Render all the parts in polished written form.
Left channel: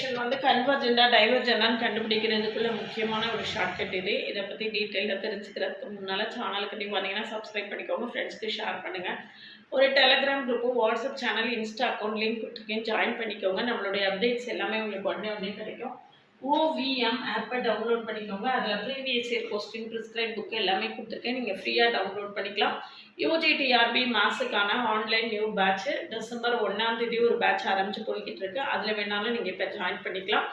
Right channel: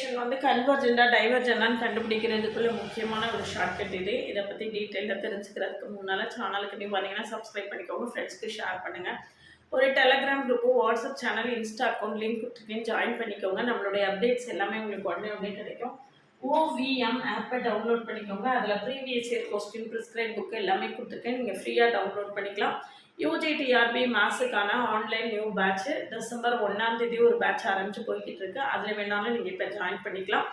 Integration வந்து கன்வர்ஜெண்டா டைவர்ஜெண்டான்னு கண்டுபிடிக்கிறதுக்குள்ள முக்கியமான ஒரு ஷார்ட்கட் இது. இதை பற்றி டீட்டெயிலாக தெரிஞ்சுக்கிறதுக்கு முன்னால் சேனலுக்கு நீங்கள் வந்தீங்கன்னா சப்ஸ்கிரைப் பண்ணிக்கோங்க, ஃப்ரெண்ட்ஸ்க்கு ஷேர் பண்ணுங்கள். ஒரு Telegram group, WhatsApp channel, Insta account link கொடுத்துருக்கேன், ஜாயின் பண்ணிக்கோங்க. நம்மளுடைய அப்டேட்ஸ் எல்லாமே உங்களுக்கு உடனே கிடைக்கும். ஓவிஎம் ஆப்பை டவுன்லோட் பண்ணிக்கோங்க. அதில் previous year question, prescribe book எல்லாமே கொடுத்துருக்கேன். நீங்கள் ஃப்ரீயாக டவுன்லோட் பண்ணிக்கலாம். யூஜிடிஆர்பி மேத்ஸுக்கான ஆன்லைன் நியூ பேட்ச்சு டிசம்பர் 1 ஒரு பேட்ச் ஆரம்பித்து போய்கிட்டு இருக்கு. அதில் வேணாலும் நீங்கள் இப்போ ஜாயின் பண்ணிக்கலாம்.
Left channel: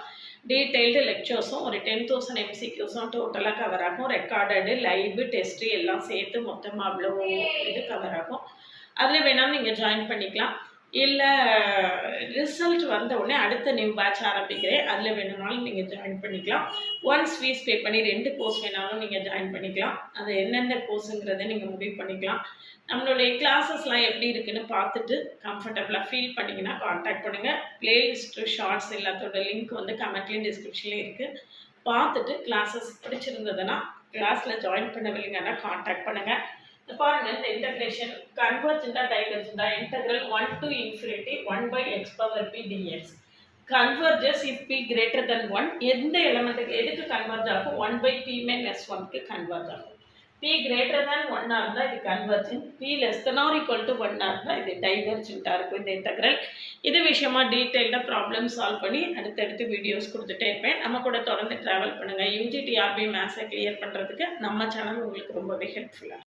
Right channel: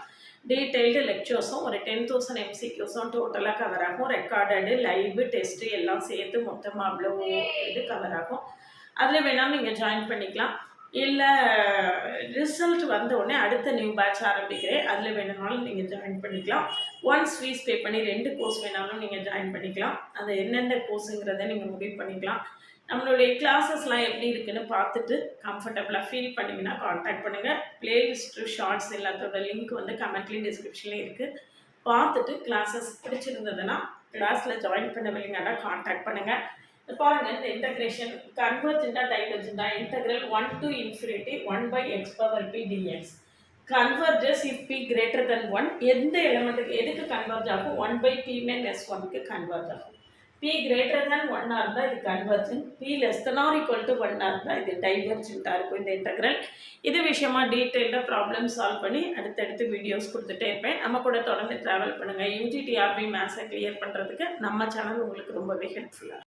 டீட்டெயில்டு லெக்சர்ஸும் ஒரு 10,000 எம்சிக்யூஸும் டோட்டலாக கவர் ஆகும். ரெக்கார்டடு, லைவு, டெஸ்ட்டு எல்லாம் சேர்த்து மொத்தமாக அவ்வளோ இது கவர் ஆகும். அதில் வேணாலும் நீங்கள் ஜாயின் பண்ணிக்கலாம். இல்லை ரிசல்ட் வந்த உடனே அடுத்த நியூ பேட்ச் ஆரம்பிக்கிறேன், அதில் வேணுனாலும் நீங்கள் ஜாயின் பண்ணிக்கலாம். ஒன்ஸ் ஃபீஸ் பே பண்ணி 2 கோர்ஸ் வேணாலும் நீங்கள் ஜாயின் பண்ணிக்கலாம். அது என்னென்ன கோர்ஸுங்கிறத நீங்கள் முடிவு பண்ணிக்கலாம். நம்மளுடைய கிளாஸஸ்லாம் எப்படி இருக்குன்னு பார்த்துட்டு கம்ஃபர்டபுளாக ஃபீல் பண்ணிங்கன்னா கான்டாக்ட் பண்ணுங்கள். ப்ளேலிஸ்ட்டு, ஷார்ட்ஸ் எல்லாத்தோட லிங்க் வந்து கமெண்ட்லேயும் டிஸ்கிரிப்ஷன்லேயும் இருக்குது. பார்த்துட்டு கிளாஸஸ் பிடிச்சிருந்ததுன்னா கிளாஸில் ஜாயின் பண்ணவில்லைங்கன்னா கான்டாக்ட் பண்ணுங்கள். பாருங்கள், இந்த இன்டகிரேஷன் கன்வர்ஜெண்டா டைவர்ஜெண்டா integral 1 to infinity 1/x power p dx converges if p greater than 1. எந்த எலிமெண்ட்டுக்கு எதுக்கு கன்வர்ஜ் ஆகும்? 1/p - 1க்கு கன்வர்ஜ் ஆகும். p greater than 1 இருந்தால் இது convergent, p less than or equal to 1 இருந்தால் இது டைவர்ஜென்ட்டாக இருக்கும் இந்த இன்டெக்ரல். இது விஷயமா டீட்டெயில்டாக ப்ராப்ளம் சால்வ் பண்ணி அடுத்தடுத்து வீடியோஸ் கொடுத்துட்டே இருப்பேன். நம்ம கூட தொடர்ந்து ட்ராவல் பண்ணுங்கள். யூஜிடிஆர்பி மேத்ஸை கிளியர் பண்ணுறதுக்கு நம்ம சேனல் உங்களுக்கு ரொம்பவே ஹெல்ப்ஃபுல்லாக.